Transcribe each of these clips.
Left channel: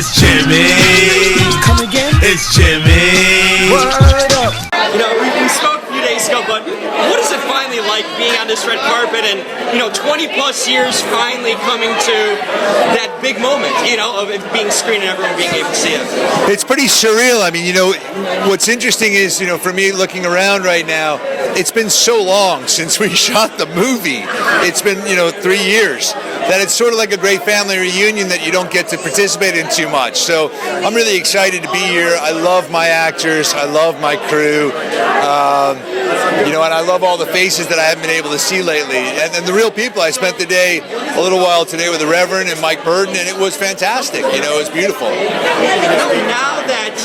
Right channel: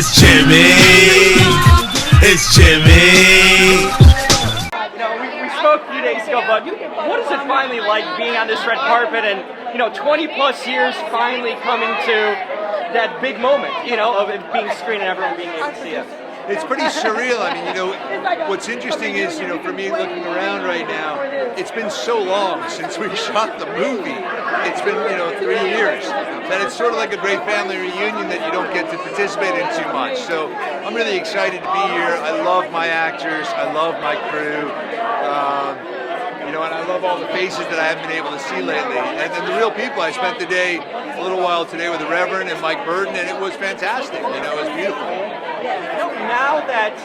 It's Jimmy. It's Jimmy. You know, we spoke a few days ago, but what is it finally like being on this red carpet and, 20 plus years finally coming to that big moment, of it being screened and everyone being able to see it? It's pretty surreal. I mean, what's interesting is, for me looking around right now, it's been so long since we shot the movie. It's been, 3 years. That it's sort of like a great family reunion that you don't get to participate in too much. So I'm really excited to be here. I love my actors. I love my crew. And I love all the faces that I haven't been able to see lately. And the real people. I spent the day a little while today with the Reverend and Mike Burden, and it was fantastic. It was beautiful. Now that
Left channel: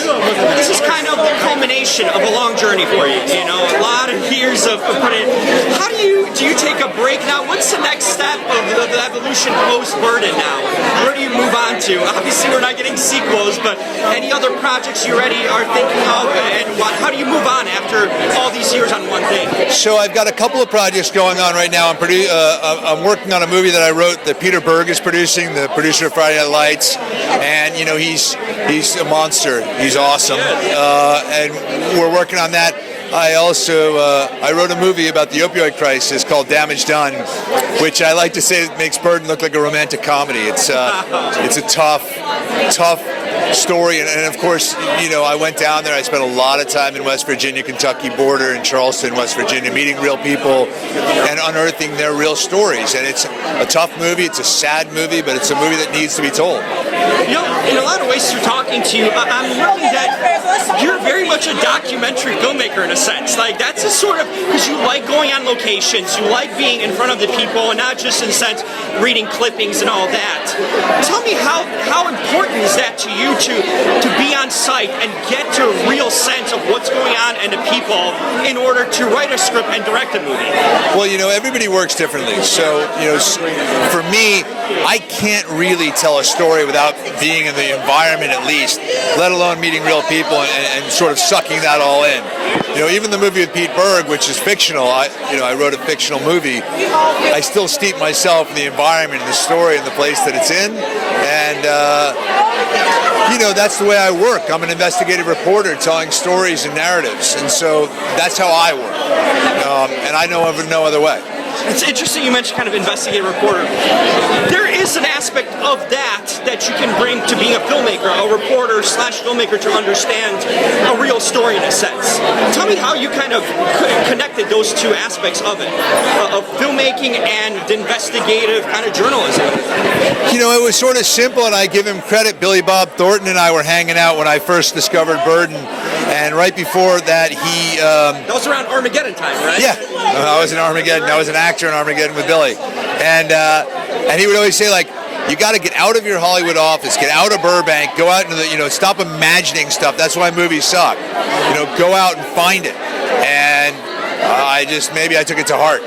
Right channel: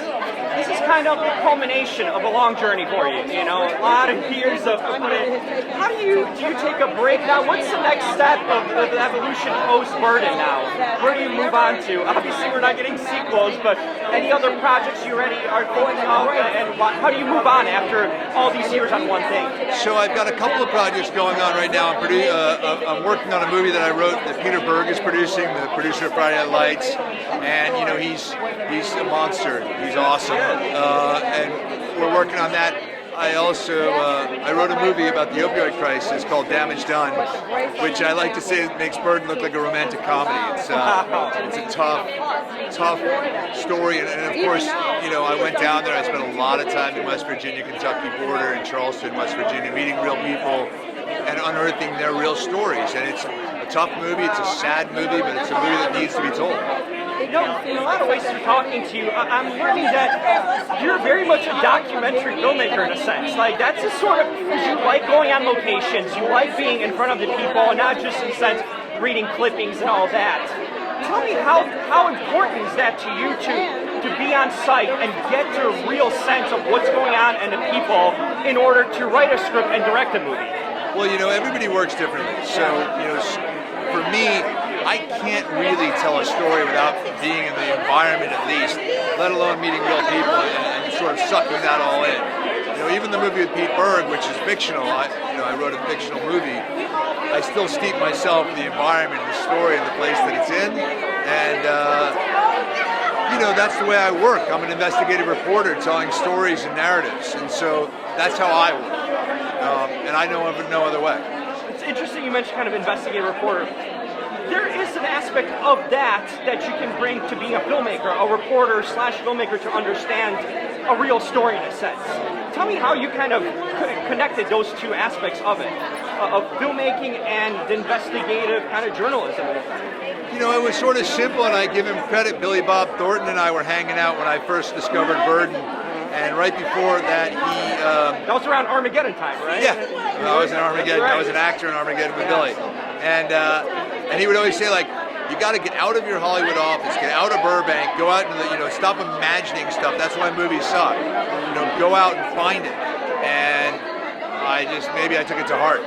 this is kind of the culmination of a long journey for you, a lot of years of putting. How do you take a break now? What's the next step of the evolution post-Burden now? Where do you move on to? Obviously, we're not getting sequels, but any other projects you already are thinking of? And how do you move on after all these years on one thing? So I've got a couple of projects going on right now. I'm working on a movie that I wrote that Peter Berg is producing, the producer of Friday Night Lights, and he's a monster. He's awesome, and we're working on that. I also I wrote a movie about the opioid crisis called Damage Done, which I like to say makes Burden look like a romantic comedy. It's a tough story, and of course, I went down there. I spent a lot of time in West Virginia, Kentucky border, in Charleston, West Virginia, meeting real people and unearthing their real stories. And it's a tough movie. It's a sad movie, but it's a movie that needs to be told. In a lot of ways, through talking to you, I'm learning that you're very much a documentary filmmaker in a sense. Like, that's a sort of, because you like going on locations, you like being in front of the people, and not just in a sense reading clippings and all that. Tell me how important is that to you to be on site and get to a real sense of what's going on and the people in order to write a script and direct a movie? Well, everybody works differently. So, for me, I can't really tell a story without being in the environment at least, let alone meeting real people and sort of sucking that all in. Even the movie with Pete Berg, which is fictional, I wrote a fictional movie, I still steep myself in the environment and the story and the place that it's in, and that's the way I work. I'm an investigative reporter telling stories and narratives, and so that's how I work, and I know of no other way. It's interesting you mentioned kind of investigative reporter. There is an aspect of that you can bring to being a filmmaker, a reporter / filmmaker, to understand a real story in a sense. Tell me how you kind of connected those two aspects of it, of filmmaking and investigative kind of journalism. It was sort of simple, and I give him credit. Billy Bob Thornton and I were hanging out when I first discovered Burden. And right before that, he... that was around Armageddon time, right? Yeah, I was in Armageddon. I was an actor in Armageddon with Billy. And he would always say, like, you got to get out of your Hollywood office, get out of Burbank, go out into the, stop imagining stuff. That's why movies suck. Go out and find it. And maybe I took it to heart.